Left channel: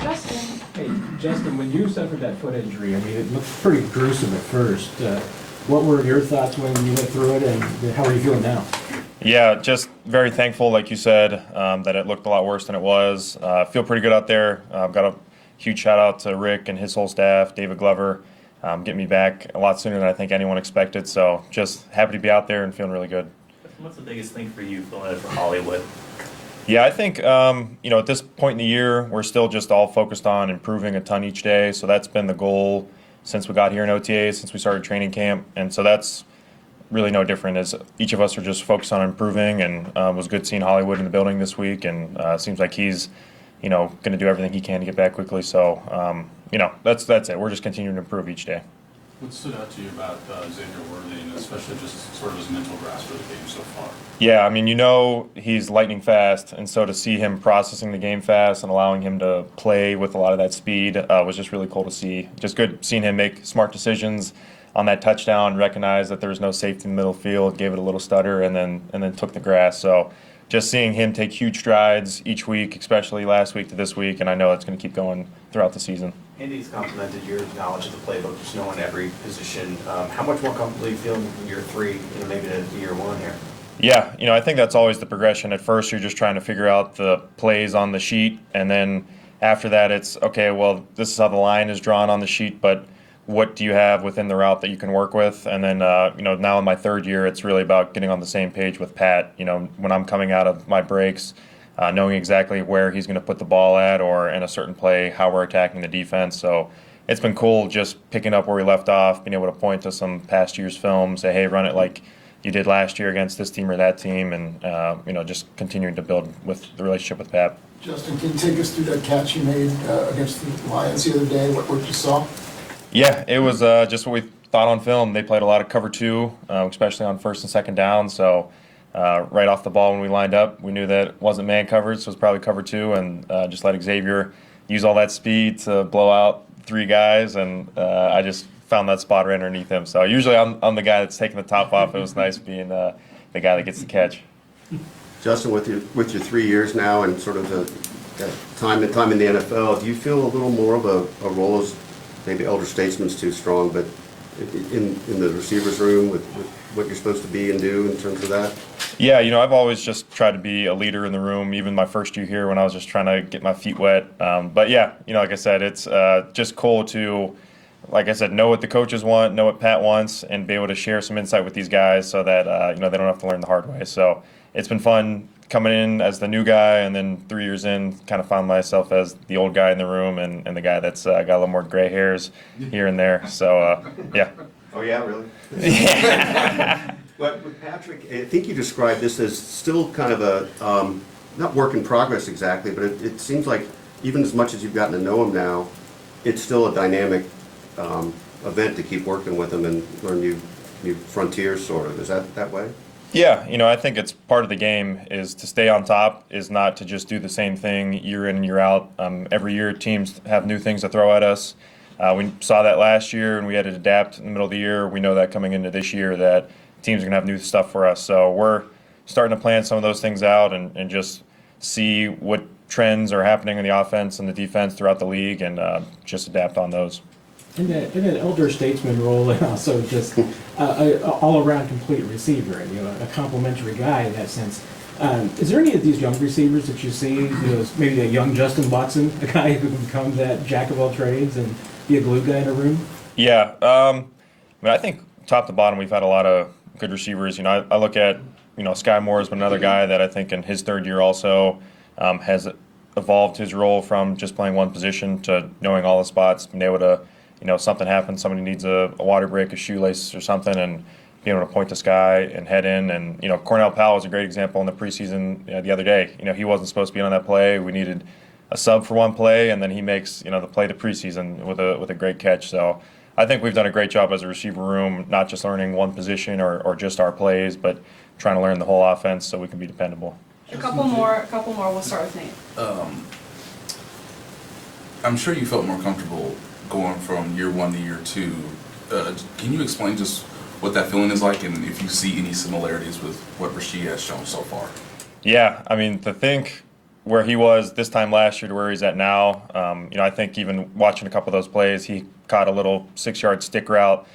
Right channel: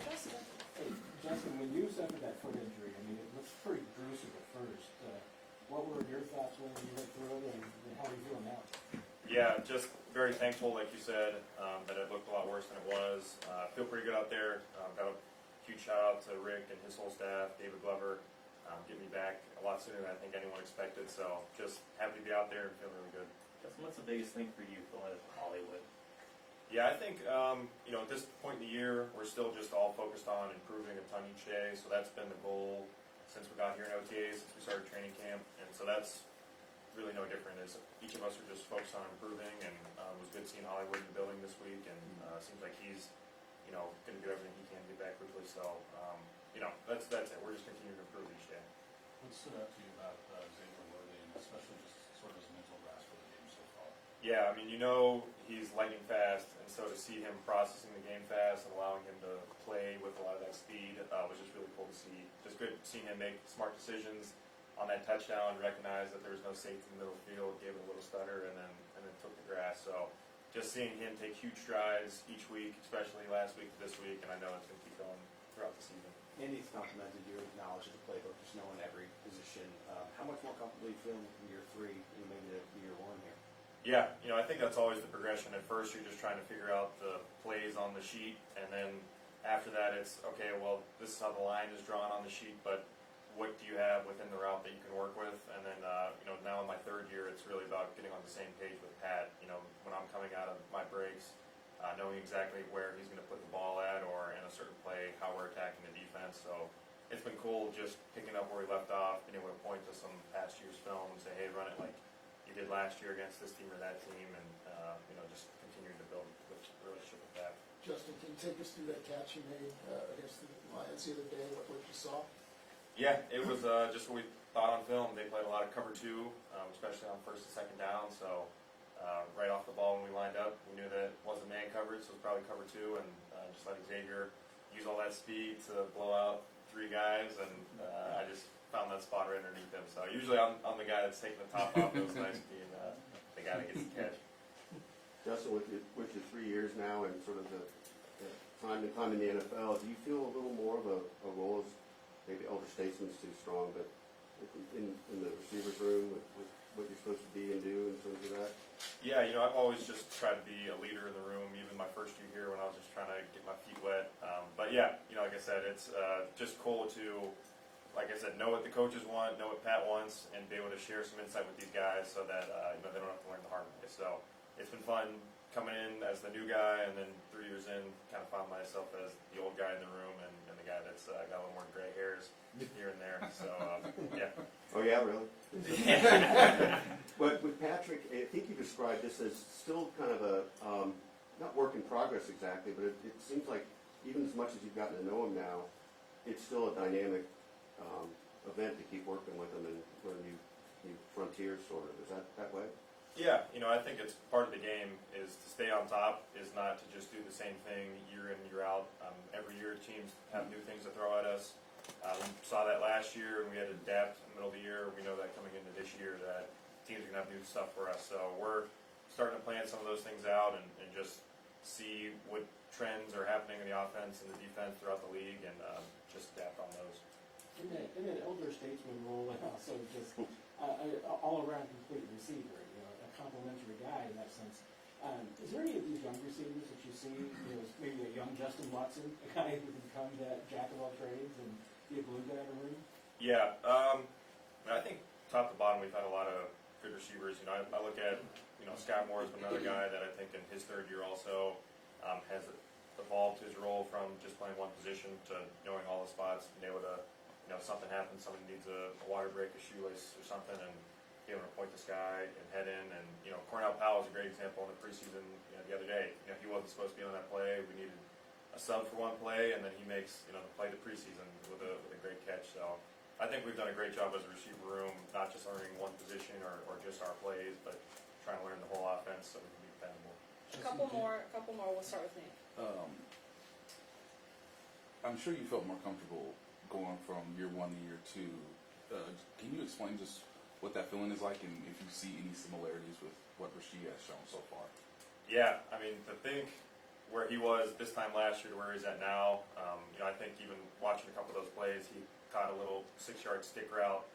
Justin. Hey, Justin, when you suffered that foot injury, I mean, it looked pretty gruesome at first. What were your thoughts when you went through it, and how are you feeling now? Yeah, just very thankful, like you said, that it looked a lot worse than it was. Feel pretty good out there. Got a huge shout out to Rick and his whole staff, David Glover, getting me back a lot sooner than I think anyone expected. So just happy to be out there and feeling really good. What's the biggest thing for you going out for Hollywood? Yeah, I think at this point in the year, we're still just all focused on improving a ton each day. So that's been the goal since we got here in OTA, since we started training camp, and so that's really no different. As each of us are just focused on improving, and it was good seeing Hollywood in the building this week, and seems like he's, going to do everything he can to get back quickly. So, that's it. We're just continuing to improve each day. What stood out to you about Xavier Worthy, and especially just sort of his mental grasp of the game so far? Yeah, I mean, he's lightning fast, and so to see him processing the game fast and allowing him to play with a lot of that speed was just really cool to see. Just good seeing him make smart decisions on that touchdown, recognize that there was no safety in the middle field, gave it a little stutter, and then took the grass. So just seeing him take huge strides each week, especially last week to this week, and I know it's going to keep going throughout the season. Andy's complimented your knowledge of the playbook, just knowing every position. How much more comfortable you feel in year three, maybe to year one here? Yeah, I think that's always the progression. At first, you're just trying to figure out the plays on the sheet, and then after that, it's, okay, well, this is how the line is drawn on the sheet, but what do you have within the route that you can work with? And then, now in my third year, it's really about getting on the same page with Pat. When I'm coming out of my breaks, knowing exactly where he's going to put the ball at, or in a certain play, how we're attacking the defense. So it's been cool just picking up where we left off, being able to point to some past year's film, say, hey, run it like you did last year against this team or that team, and just continuing to build with the relationship with Pat. Justin, can you take us through that catch you made against the Lions the other day, what you saw? Yeah, it was just what we thought on film. They played a lot of cover two, especially on first and second down. So right off the ball when we lined up, we knew that it wasn't man coverage, so it was probably cover two, and just let Xavier use all that speed to blow out three guys, and I just found that spot right underneath him. So usually I'm the guy that's taking the top off. It was nice being the guy that gets the catch. Justin, with your 3 years now and sort of the time in the NFL, do you feel a little more of a role as, maybe elder statesman's too strong, but in the receivers room with what you're supposed to be and do in terms of that? Yeah, I've always just tried to be a leader in the room, even my first year here when I was just trying to get my feet wet. But yeah, like I said, it's just cool to, like I said, know what the coaches want, know what Pat wants, and be able to share some insight with these guys so that, they don't have to learn the hard way. So it's been fun coming in as the new guy, and then 3 years in, kind of found myself as the old guy in the room and the guy that's got a little more gray hairs here and there. So, yeah. Oh, yeah, really? Yeah. But with Patrick, I think you described this as still kind of a, not work in progress exactly, but it seems like even as much as you've gotten to know him now, it's still a dynamic event to keep working with him and learn new frontiers, sort of. Is that way? Yeah, I think it's part of the game is to stay on top, is not to just do the same thing year in and year out. Every year teams have new things to throw at us. We saw that last year, and we had to adapt in the middle of the year. We know that coming into this year that teams are going to have new stuff for us. So we're starting to plan some of those things out and just see what trends are happening in the offense and the defense throughout the league, and just adapt on those. In an elder statesman role, and also just a all-around complete receiver, a complimentary guy in that sense. Is there any of these young receivers that you see, maybe a young Justin Watson, a guy who can become that jack of all trades and be a glue guy in a room? Yeah, I think top to bottom we've had a lot of good receivers. I look at, Sky Moore has been another guy that I think in his third year also has evolved his role from just playing one position to knowing all the spots, being able to, something happens, somebody needs a water break, a shoelace or something, and being able to point to Sky and head in. And, Cornell Powell was a great example in the preseason the other day. He wasn't supposed to be on that play. We needed a sub for one play, and then he makes, the play the preseason with a great catch. So I think we've done a great job as a receiver room, not just learning one position or just our plays, but trying to learn the whole offense so we can be dependable. A couple more. We'll start with Nate. I'm sure you felt more comfortable going from year one to year two. Can you explain just what that feeling is like, and if you see any similarities with what Rasheed has shown so far? Yeah, to think where he was this time last year to where he's at now. I think even watching a couple of those plays, he caught a little 6-yard stick route,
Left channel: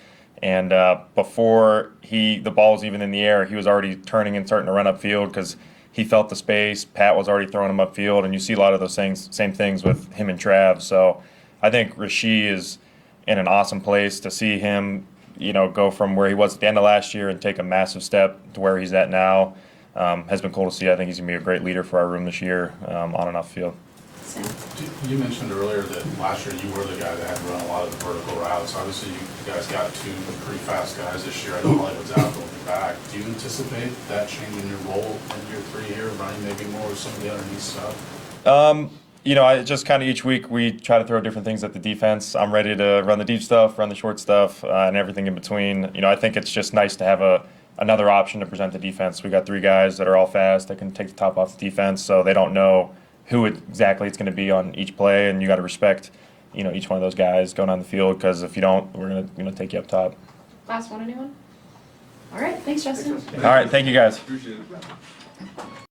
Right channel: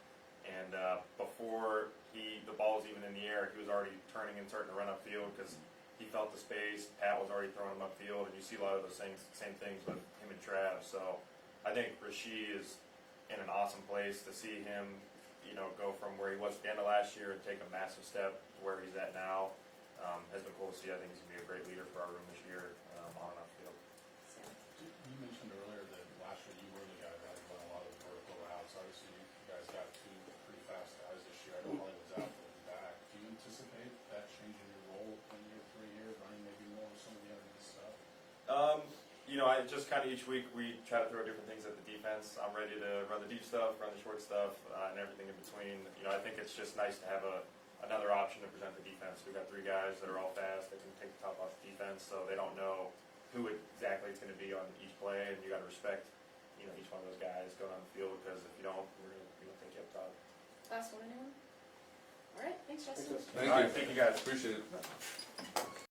and before the ball was even in the air, he was already turning and starting to run upfield because he felt the space. Pat was already throwing him upfield, and you see a lot of those same things with him and Trav. So I think Rasheed is in an awesome place to see him, go from where he was at the end of last year and take a massive step to where he's at now. Has been cool to see. I think he's going to be a great leader for our room this year, on and off the field. Sam? You mentioned earlier that last year you were the guy that had to run a lot of the vertical routes. Obviously, you guys got 2 pretty fast guys this year. I know Hollywood's out, they'll be back. Do you anticipate that changing your role in year 3 here, running maybe more of some of the underneath stuff? I just kind of each week we try to throw different things at the defense. I'm ready to run the deep stuff, run the short stuff, and everything in between. I think it's just nice to have another option to present the defense. We got 3 guys that are all fast that can take the top off the defense, so they don't know who exactly it's going to be on each play, and you got to respect, each one of those guys going on the field, because if you don't, we're going to take you up top. Last one, anyone? All right, thanks, Justin. All right, thank you guys. Appreciate it.